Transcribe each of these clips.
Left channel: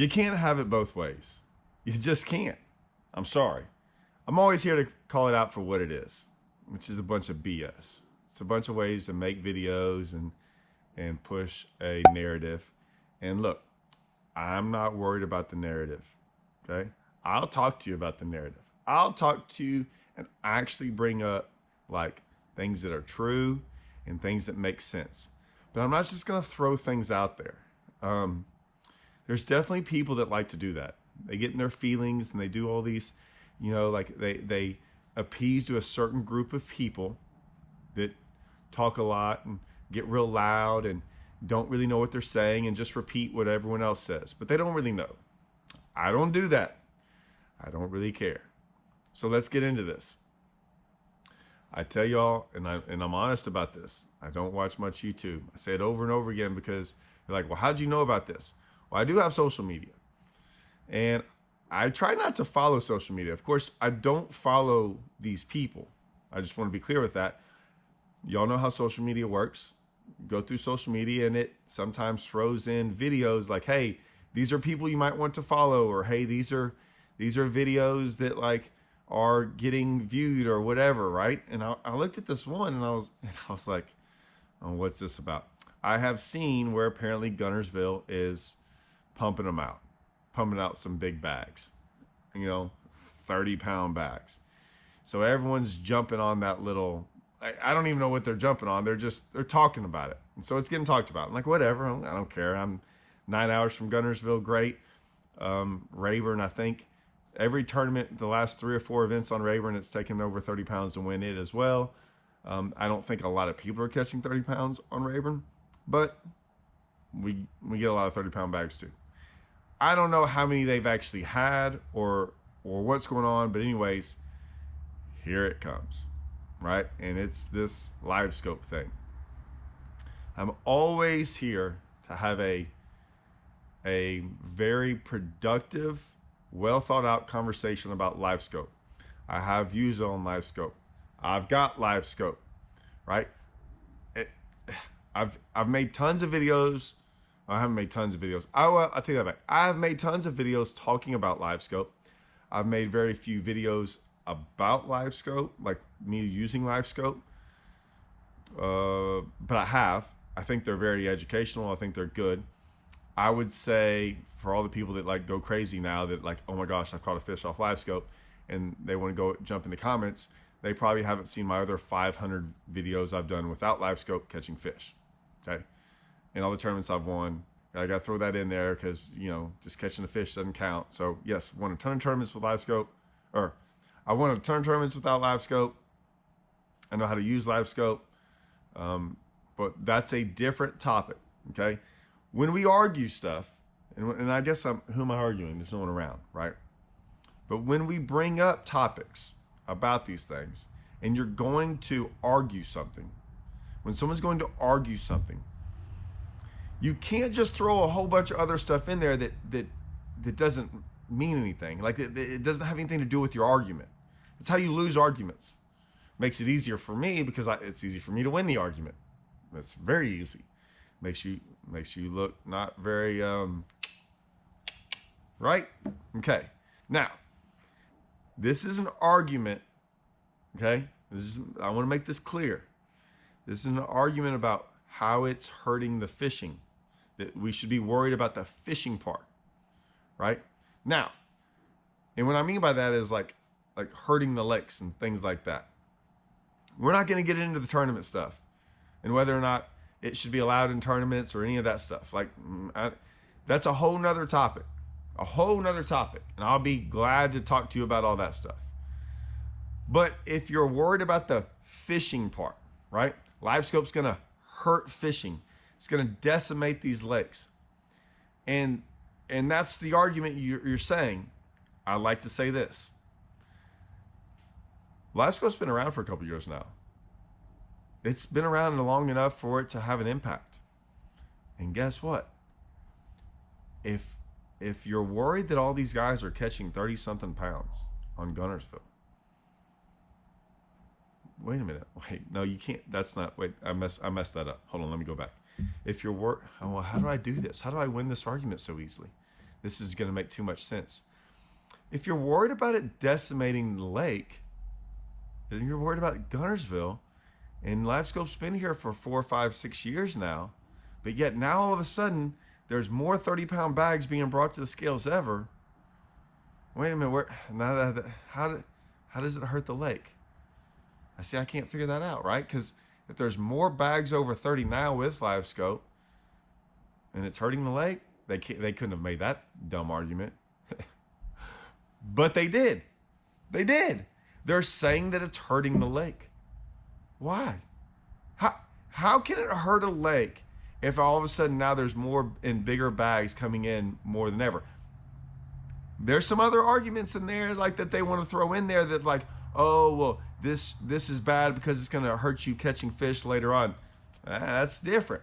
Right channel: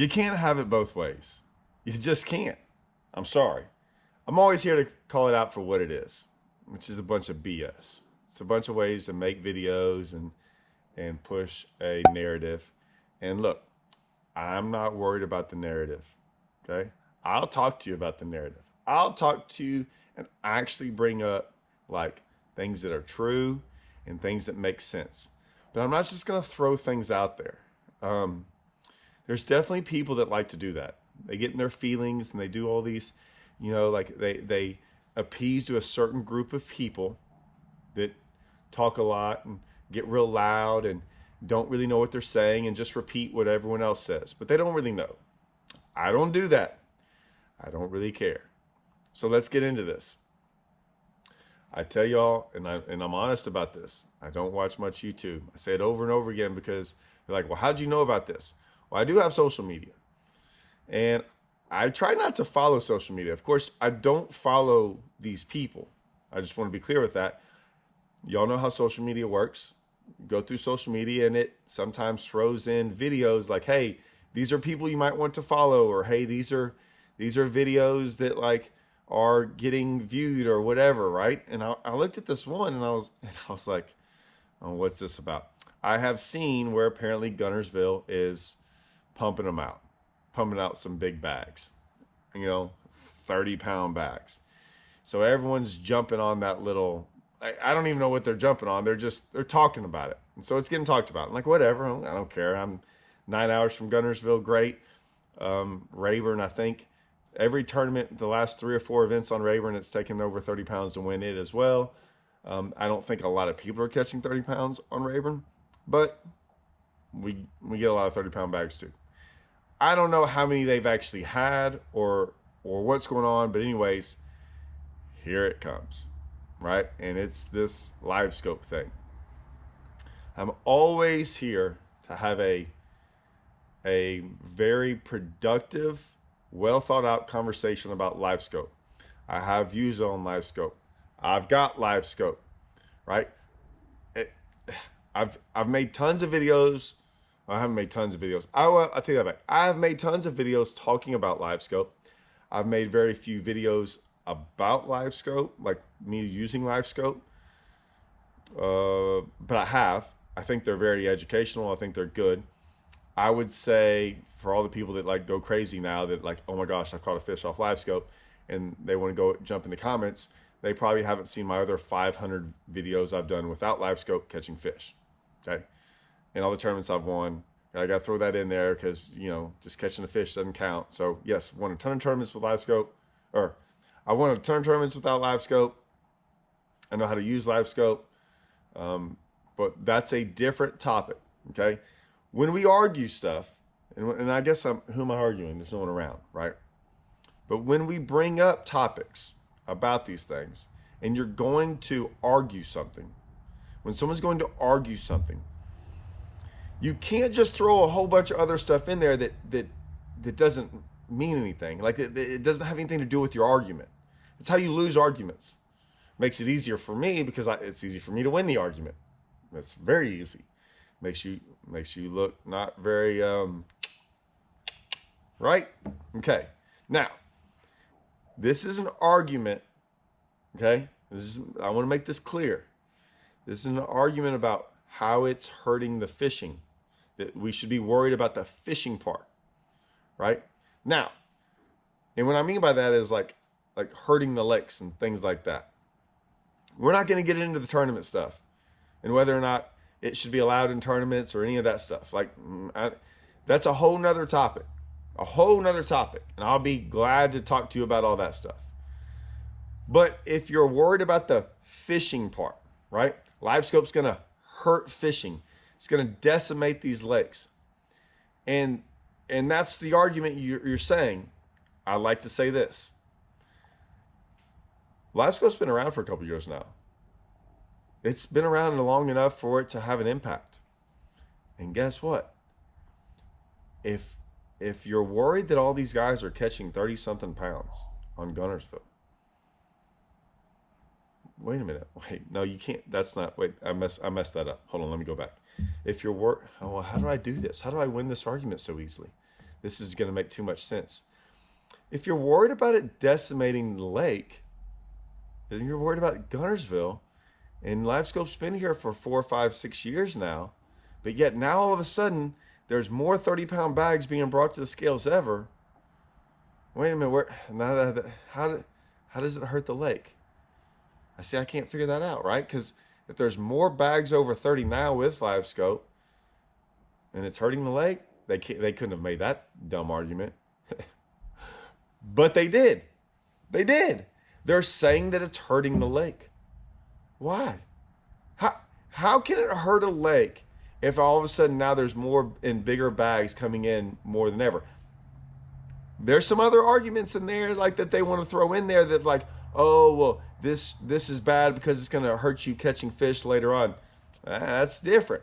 You can't have it both ways. You just can't. I'm sorry. I'm always here to call it out for what it is, which is a bunch of BS. It's a bunch of ways to make videos and push a narrative. And look, I'm not worried about the narrative. Okay? I'll talk to you about the narrative. I'll talk to you and actually bring up like things that are true and things that make sense. But I'm not just going to throw things out there. There's definitely people that like to do that. They get in their feelings and they do all these, like they appease to a certain group of people that talk a lot and get real loud and don't really know what they're saying and just repeat what everyone else says. But they don't really know. I don't do that. I don't really care. So let's get into this. I tell y'all, and I'm honest about this, I don't watch much YouTube. I say it over and over again because you're like, well, how'd you know about this? Well, I do have social media. And I try not to follow social media. Of course, I don't follow these people. I just want to be clear with that. Y'all know how social media works. Go through social media and it sometimes throws in videos like, hey, these are people you might want to follow, or hey, these are videos that like are getting viewed or whatever, right? And I looked at this one and I was like, oh, what's this about? I have seen where apparently Guntersville is pumping out some big bags, 30-pound bags. So everyone's jumping on that little, I don't even know what they're jumping on. They're talking about it. And so it's getting talked about. I'm like, whatever, I don't care. I'm 9 hours from Guntersville, great. Rayburn, I think every tournament, the last 3 or 4 events on Rayburn, it's taken over 30 pounds to win it as well. I don't think a lot of people are catching 30 pounds on Rayburn, but we get a lot of 30-pound bags too. I don't know how many they've actually had or what's going on, but anyways, here it comes, right? And it's this Livescope thing. I'm always here to have a very productive, well thought out conversation about Livescope. I have views on Livescope. I've got Livescope, right? I've made tons of videos. I haven't made tons of videos. I'll take that back. I have made tons of videos talking about Livescope. I've made very few videos about Livescope, like me using Livescope. But I think they're very educational. I think they're good. I would say for all the people that like go crazy now that like, oh my gosh, I caught a fish off Livescope, and they want to go jump in the comments, they probably haven't seen my other 500 videos I've done without Livescope catching fish. Okay. And all the tournaments I've won, I got to throw that in there because, just catching the fish doesn't count. So yes, won a ton of tournaments with Livescope, or I won a ton of tournaments without Livescope. I know how to use Livescope. But that's a different topic. Okay. When we argue stuff, and I guess who am I arguing? There's no one around, right? But when we bring up topics about these things, and you're going to argue something, when someone's going to argue something, you can't just throw a whole bunch of other stuff in there that doesn't mean anything. Like it doesn't have anything to do with your argument. It's how you lose arguments. Makes it easier for me because it's easy for me to win the argument. It's very easy. Makes you look not very right. Okay. Now, this is an argument. Okay. I want to make this clear. This is an argument about how it's hurting the fishing. That we should be worried about the fishing part, right? Now, and what I mean by that is like hurting the lakes and things like that. We're not going to get into the tournament stuff and whether or not it should be allowed in tournaments or any of that stuff. That's a whole nother topic, and I'll be glad to talk to you about all that stuff. But if you're worried about the fishing part, right? Livescope's going to hurt fishing. It's going to decimate these lakes. And that's the argument you're saying. I like to say this. Livescope's been around for a couple years now. It's been around long enough for it to have an impact. And guess what? If you're worried that all these guys are catching 30-something pounds on Guntersville, wait a minute. Wait, no, you can't. That's not. Wait, I messed that up. Hold on, let me go back. If you're how do I do this? How do I win this argument so easily? this is going to make too much sense. If you're worried about it decimating the lake, then you're worried about Guntersville. And Livescope's been here for 4, 5, 6 years now. But yet now all of a sudden, there's more 30-pound bags being brought to the scales ever. Wait a minute, how does it hurt the lake? I can't figure that out, right? Because if there's more bags over 30 now with Livescope, and it's hurting the lake, they couldn't have made that dumb argument. But they did. They did. They're saying that it's hurting the lake. Why? How can it hurt a lake if all of a sudden now there's more and bigger bags coming in more than ever? There's some other arguments in there like that they want to throw in there that like, oh, well, this is bad because it's going to hurt you catching fish later on. That's different.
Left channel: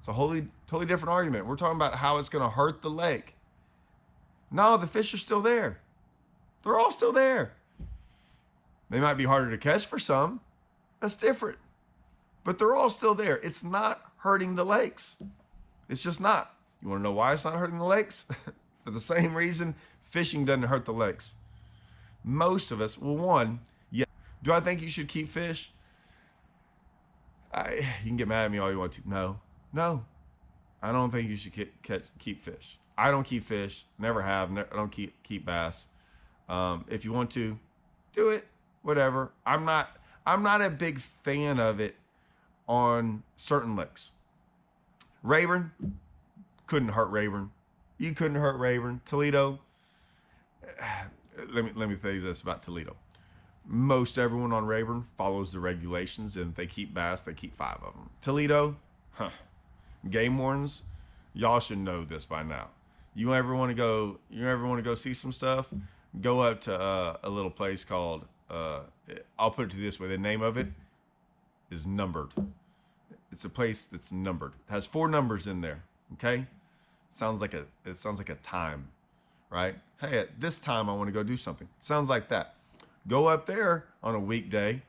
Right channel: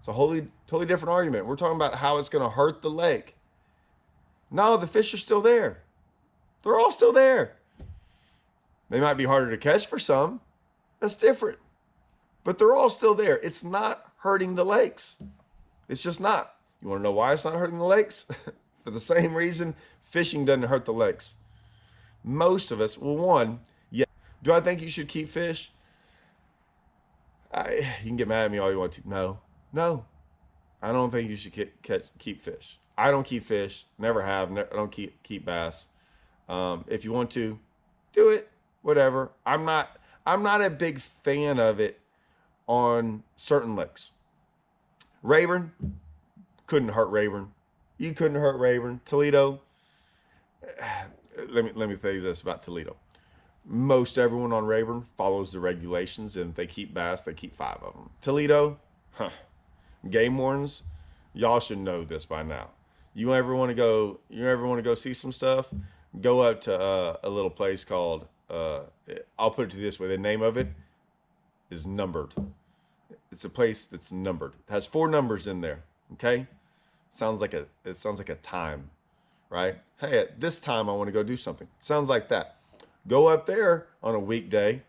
It's a totally different argument. We're talking about how it's going to hurt the lake. No, the fish are still there. They're all still there. They might be harder to catch for some. That's different. But they're all still there. It's not hurting the lakes. It's just not. You want to know why it's not hurting the lakes? For the same reason fishing doesn't hurt the lakes. Most of us, well, one, yeah. Do I think you should keep fish? You can get mad at me all you want to. No. I don't think you should keep fish. I don't keep fish. Never have. I don't keep bass. If you want to, do it. Whatever. I'm not a big fan of it on certain lakes. Rayburn, couldn't hurt Rayburn. You couldn't hurt Rayburn. Toledo, let me tell you this about Toledo. Most everyone on Rayburn follows the regulations, and if they keep bass, they keep 5 of them. Toledo, game wardens, y'all should know this by now. You ever want to go see some stuff? Go up to a little place called, I'll put it to this way, the name of it is Numbered. It's a place that's numbered. It has 4 numbers in there, okay? It sounds like a time, right? Hey, at this time I want to go do something. Sounds like that. Go up there on a weekday,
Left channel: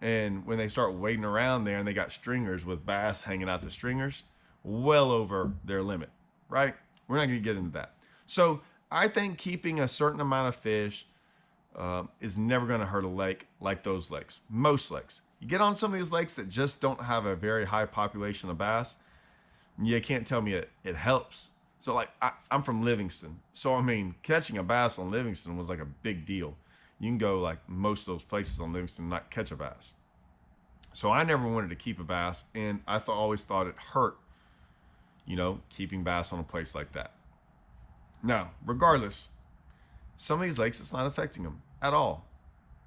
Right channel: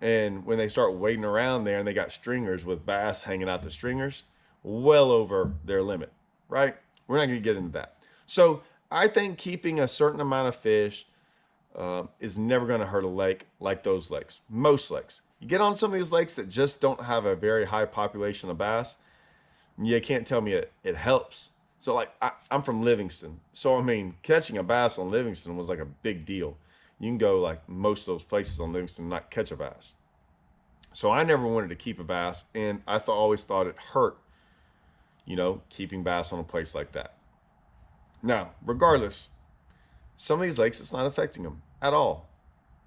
and when they start waiting around there and they got stringers with bass hanging out the stringers, well over their limit, right? We're not going to get into that. So I think keeping a certain amount of fish is never going to hurt a lake like those lakes. Most lakes. You get on some of these lakes that just don't have a very high population of bass, you can't tell me it helps. So like I'm from Livingston. So I mean, catching a bass on Livingston was like a big deal. You can go like most of those places on Livingston and not catch a bass. So I never wanted to keep a bass, and I always thought it hurt, keeping bass on a place like that. Now, regardless, some of these lakes, it's not affecting them at all.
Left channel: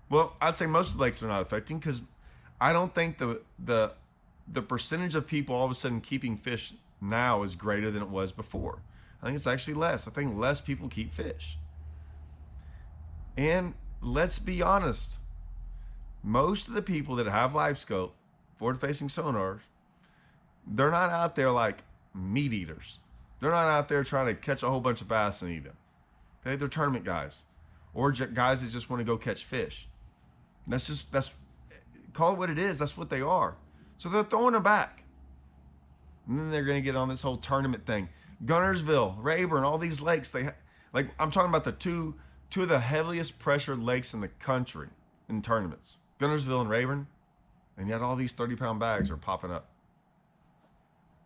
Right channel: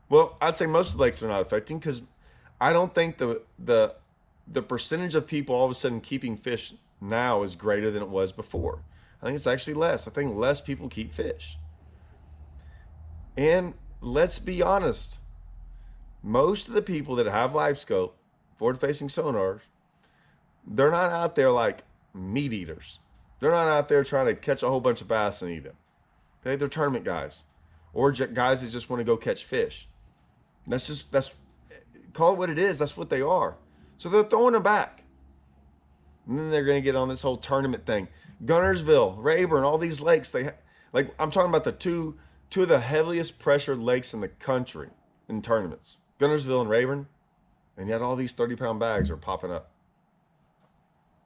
Well, I'd say most of the lakes are not affecting, because I don't think the percentage of people all of a sudden keeping fish now is greater than it was before. I think it's actually less. I think less people keep fish. And let's be honest, most of the people that have Livescope, forward-facing sonars, they're not out there like meat eaters. They're not out there trying to catch a whole bunch of bass and eat them. Okay, they're tournament guys, or guys that just want to go catch fish. That's call it what it is. That's what they are. So they're throwing them back, and then they're going to get on this whole tournament thing. Guntersville, Rayburn, all these lakes. I'm talking about the two of the heaviest pressured lakes in the country in tournaments. Guntersville and Rayburn, and yet all these 30-pound bags are popping up.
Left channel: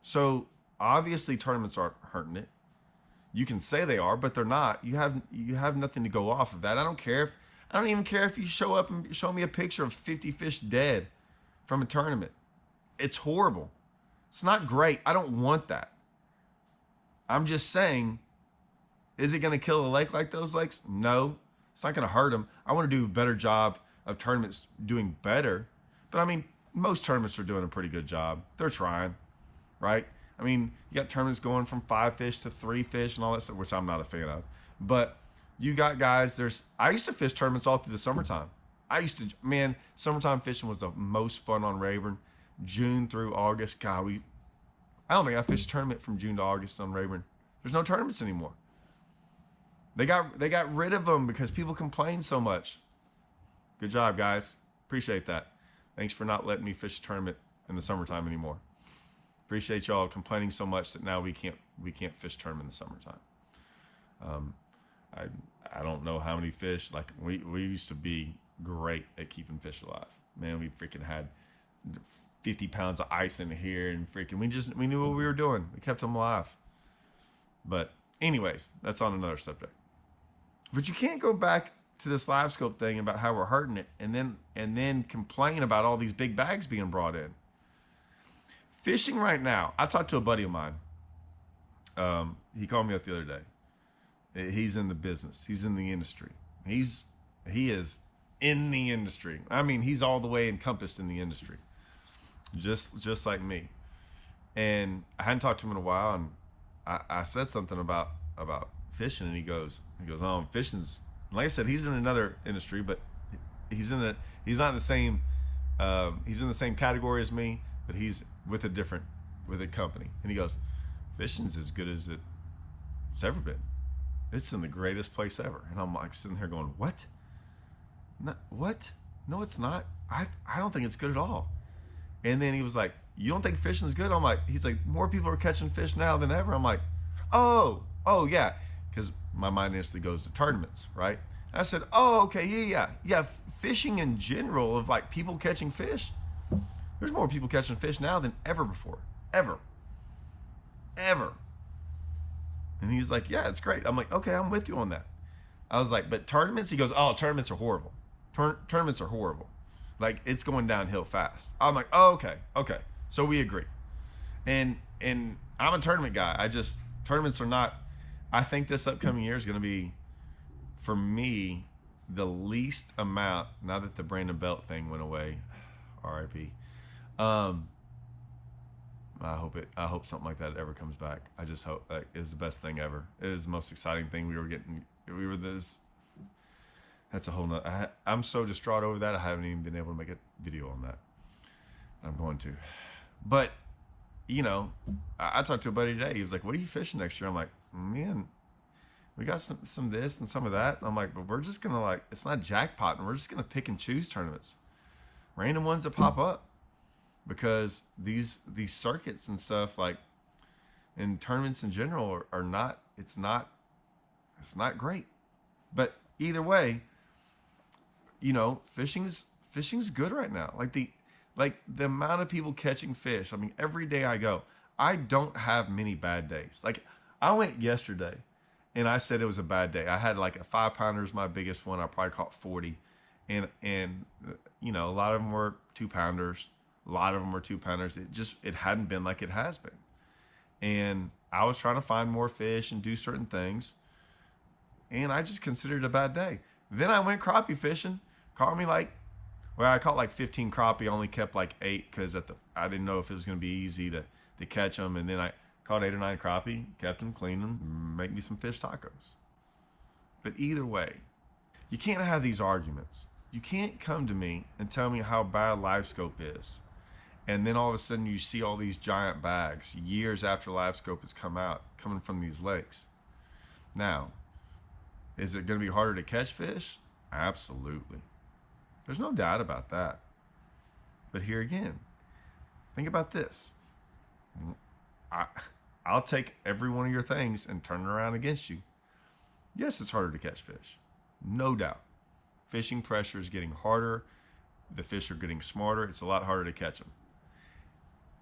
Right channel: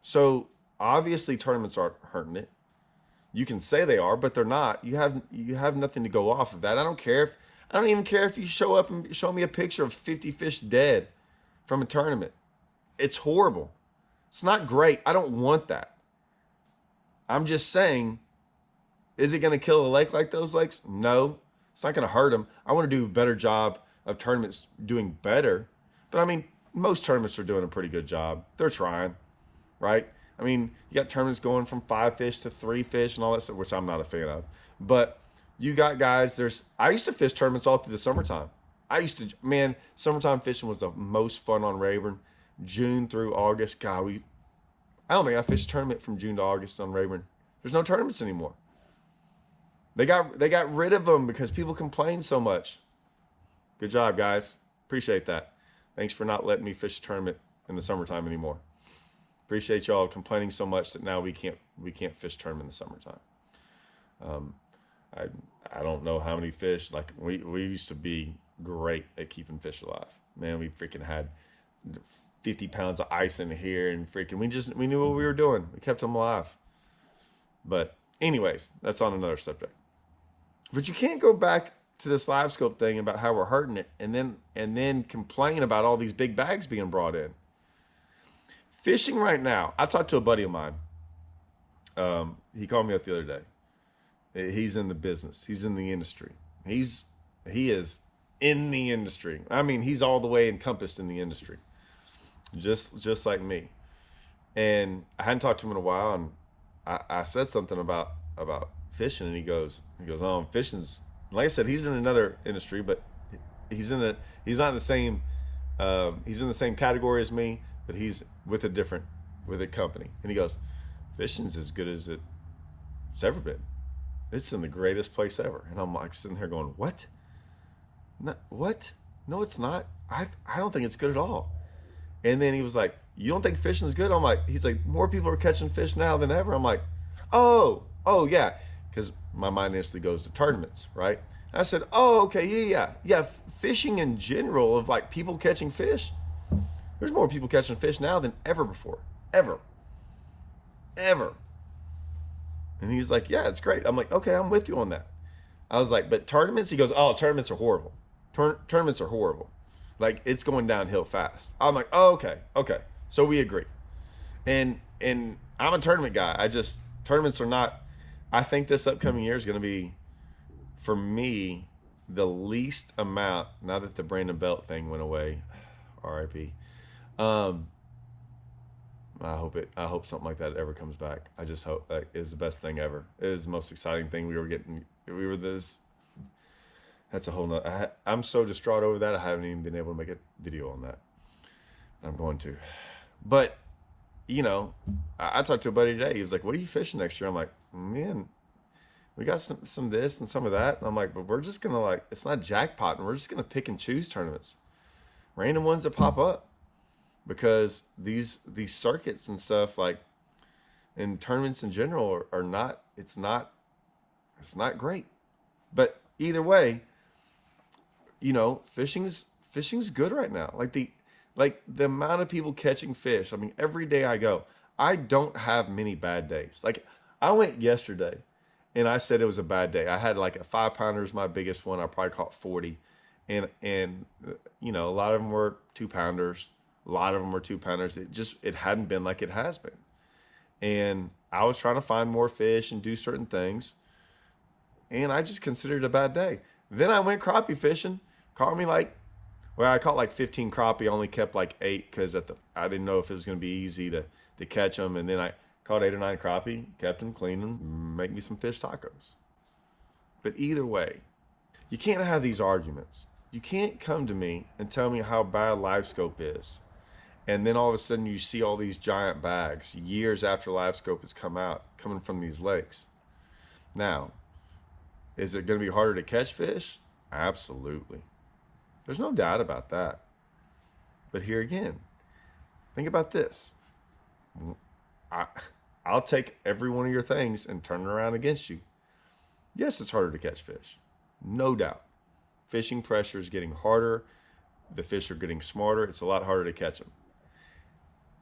So obviously tournaments aren't hurting it. You can say they are, but they're not. You have nothing to go off of that. I don't even care if you show up and show me a picture of 50 fish dead from a tournament. It's horrible. It's not great. I don't want that. I'm just saying, is it going to kill a lake like those lakes? No. It's not going to hurt them. I want to do a better job of tournaments doing better. But I mean, most tournaments are doing a pretty good job. They're trying, right? I mean, you got tournaments going from 5 fish to 3 fish and all that stuff, which I'm not a fan of. But you got guys, I used to fish tournaments all through the summertime. Summertime fishing was the most fun on Rayburn. June through August. God, I don't think I fished a tournament from June to August on Rayburn. There's no tournaments anymore. They got rid of them because people complain so much. Good job, guys. Appreciate that. Thanks for not letting me fish a tournament in the summertime anymore. Appreciate y'all complaining so much that now we can't fish tournament in the summertime. Um, I I don't know how many fish. Like we used to be great at keeping fish alive. Man, we freaking had 50 pounds of ice in here, and freaking we knew what we were doing. We kept them alive. But anyways, that's on another subject. But you can't go back to this Livescope thing about how we're hurting it, and then complain about all these big bags being brought in. Fishing right now. I talked to a buddy of mine. He called me up the other day. He's in the business. He's in the industry. He is in the industry. I mean, he's all the way encompassed in the industry, just like me. And I hadn't talked to him in a while, and I said something about fishing, and he goes, oh, fishing's, like I said, he's in another industry, but he's not in the same he's in the same category as me, but he's with a company. And he goes, fishing's as good as it's ever been. It's in the greatest place ever. And I'm like sitting here going, what? No, what? No, it's not. I don't think it's good at all. And then he was like, you don't think fishing is good? I'm like, he's like, more people are catching fish now than ever. I'm like, oh yeah. Because my mind instantly goes to tournaments, right? I said, oh, okay, yeah. Fishing in general, of like people catching fish, there's more people catching fish now than ever before. Ever. And he's like, yeah, it's great. I'm like, okay, I'm with you on that. I was like, but tournaments? He goes, oh, tournaments are horrible. Tournaments are horrible. Like, it's going downhill fast. I'm like, oh, okay. So we agree. And I'm a tournament guy. Tournaments are not, I think this upcoming year is going to be, for me, the least amount, now that the Brandon Belt thing went away, RIP. I hope something like that ever comes back. I just hope that is the best thing ever. It is the most exciting thing that's a whole nother, I'm so distraught over that. I haven't even been able to make a video on that. I'm going to. But, I talked to a buddy today. He was like, what are you fishing next year? I'm like, man, we got some this and some of that. I'm like, but we're just going to it's not jackpotting. We're just going to pick and choose tournaments. Random ones that pop up. Because these circuits and stuff, like, and tournaments in general are not, it's not great. But either way, fishing's good right now. Like the amount of people catching fish. I mean, every day I go, I don't have many bad days. Like, I went yesterday and I said it was a bad day. I had like a 5-pounder is my biggest one. I probably caught 40, and a lot of them were 2-pounders. A lot of them were 2-pounders. It hadn't been like it has been. And I was trying to find more fish and do certain things. And I just considered it a bad day. Then I went crappie fishing. I caught like 15 crappie. I only kept like 8 because I didn't know if it was going to be easy to catch them. And then I caught 8 or 9 crappie, kept them, cleaned them, make me some fish tacos. But either way, you can't have these arguments. You can't come to me and tell me how bad Livescope is. And then all of a sudden you see all these giant bags years after Livescope has come out, coming from these lakes. Now, is it going to be harder to catch fish? Absolutely. There's no doubt about that. But here again, think about this. I'll take every one of your things and turn it around against you. Yes, it's harder to catch fish. No doubt. Fishing pressure is getting harder. The fish are getting smarter. It's a lot harder to catch them.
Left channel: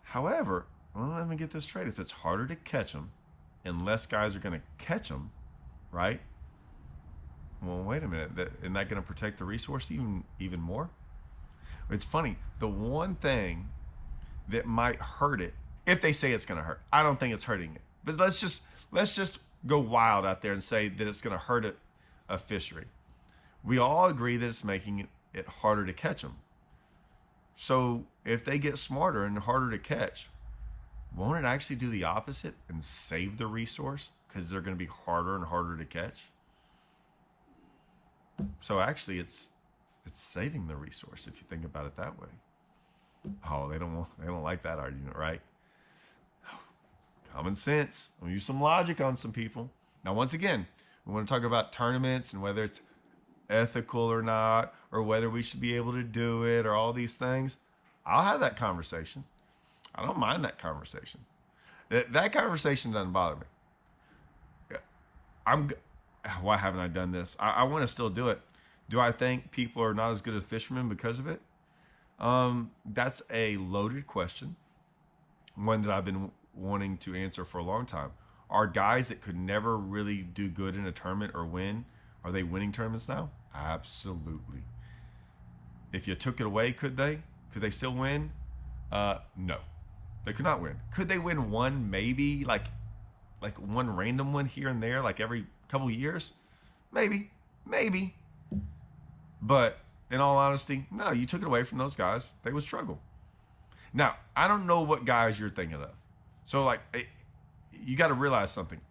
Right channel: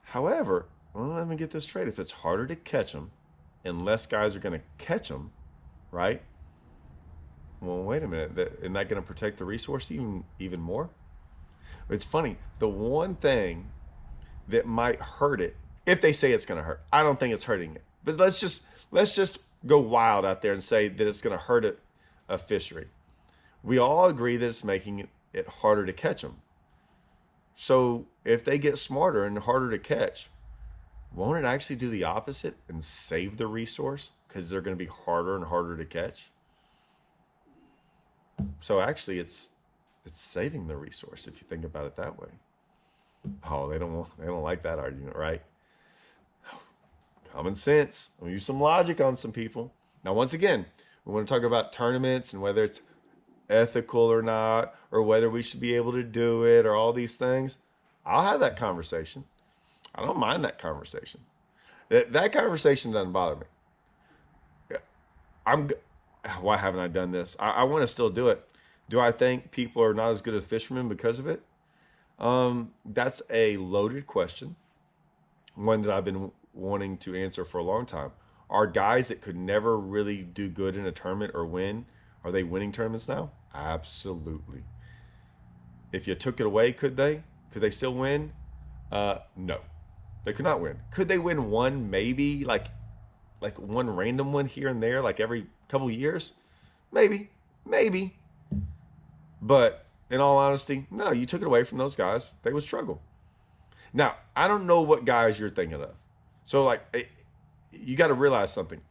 However, let me get this straight. If it's harder to catch them and less guys are going to catch them, right? Well, wait a minute. Isn't that going to protect the resource even more? It's funny. The one thing that might hurt it, if they say it's going to hurt, I don't think it's hurting it. But let's just go wild out there and say that it's going to hurt a fishery. We all agree that it's making it harder to catch them. So if they get smarter and harder to catch, won't it actually do the opposite and save the resource because they're going to be harder and harder to catch? So actually, it's saving the resource if you think about it that way. Oh, they don't like that argument, right? Common sense. We'll use some logic on some people. Now, once again, we want to talk about tournaments and whether it's ethical or not, or whether we should be able to do it, or all these things. I'll have that conversation. I don't mind that conversation. That conversation doesn't bother me. why haven't I done this? I want to still do it. Do I think people are not as good as fishermen because of it? That's a loaded question, one that I've been wanting to answer for a long time. Are guys that could never really do good in a tournament or win, are they winning tournaments now? Absolutely. If you took it away, could they? Could they still win? No, they could not win. Could they win one? Maybe like one random one here and there, like every couple years. Maybe, maybe. But in all honesty, no. You took it away from those guys, they would struggle. Now, I don't know what guys you're thinking of. So like, you got to realize something.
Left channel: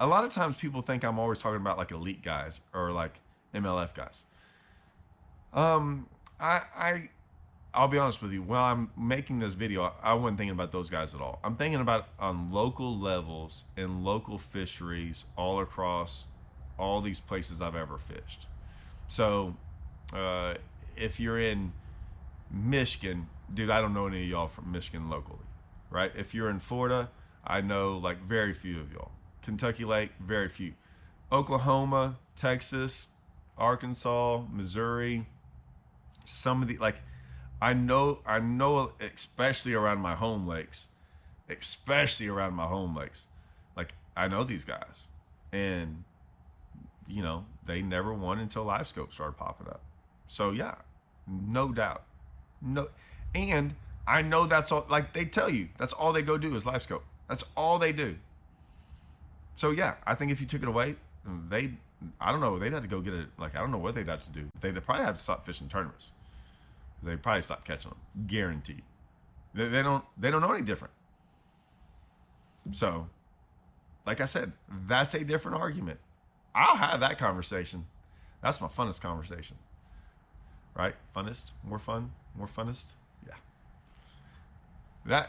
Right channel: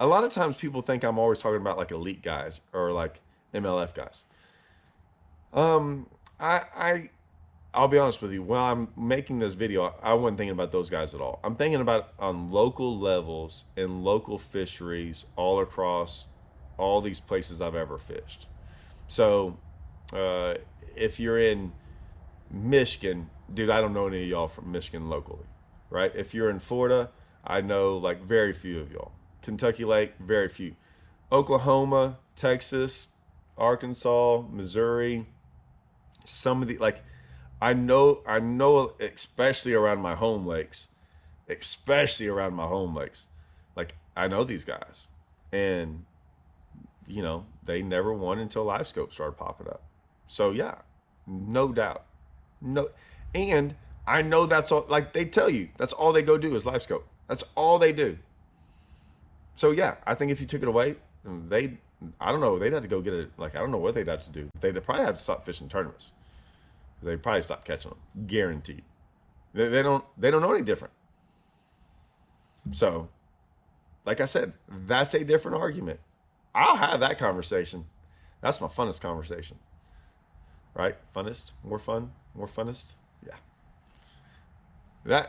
A lot of times people think I'm always talking about like elite guys or like MLF guys. I'll be honest with you. While I'm making this video, I wasn't thinking about those guys at all. I'm thinking about on local levels and local fisheries all across all these places I've ever fished. So, if you're in Michigan, dude, I don't know any of y'all from Michigan locally, right? If you're in Florida, I know like very few of y'all. Kentucky Lake, very few. Oklahoma, Texas, Arkansas, Missouri, some of the like I know especially around my home lakes, like I know these guys. And you know, they never won until Livescope started popping up. So yeah, no doubt. No, and I know that's all, like they tell you, that's all they go do is Livescope. That's all they do. So yeah, I think if you took it away, I don't know, they'd have to go get it. Like, I don't know what they'd have to do. They'd probably have to stop fishing tournaments. They'd probably stop catching them, guaranteed. They don't know any different. So, like I said, that's a different argument. I'll have that conversation. That's my funnest conversation. Right? Funnest? More fun? More funnest? Yeah.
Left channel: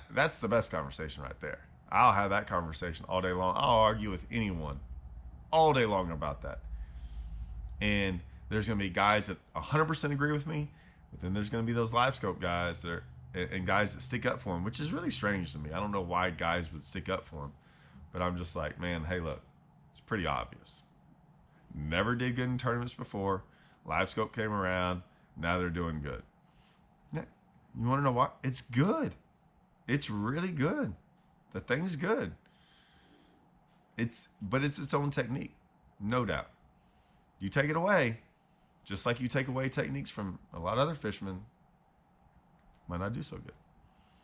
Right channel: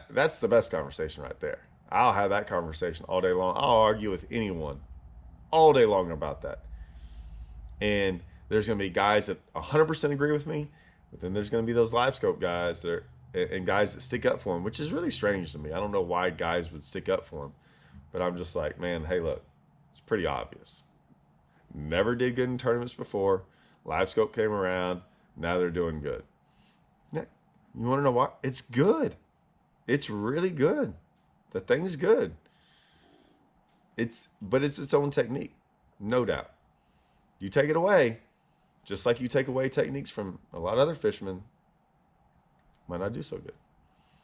That's the best conversation right there. I'll have that conversation all day long. I'll argue with anyone all day long about that. And there's going to be guys that 100% agree with me, but then there's going to be those Livescope guys and guys that stick up for them, which is really strange to me. I don't know why guys would stick up for them, but I'm just like, man, hey, look, it's pretty obvious. Never did good in tournaments before. Livescope came around. Now they're doing good. You want to know why? It's good. It's really good. The thing's good. But it's its own technique, no doubt. You take it away, just like you take away techniques from a lot of other fishermen, might not do so good.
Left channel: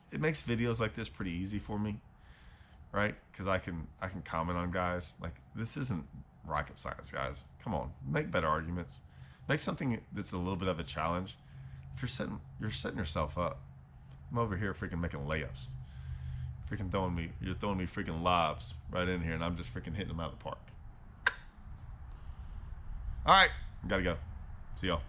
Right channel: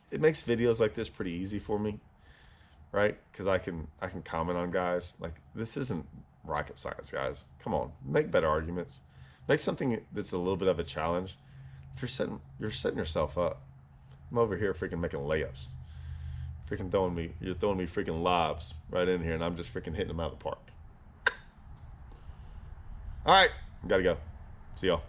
It makes videos like this pretty easy for me, right? Because I can comment on guys. Like, this isn't rocket science, guys. Come on, make better arguments. Make something that's a little bit of a challenge. You're setting yourself up. I'm over here freaking making layups. You're throwing me freaking lobs right in here, and I'm just freaking hitting them out of the park. All right, gotta go. See y'all.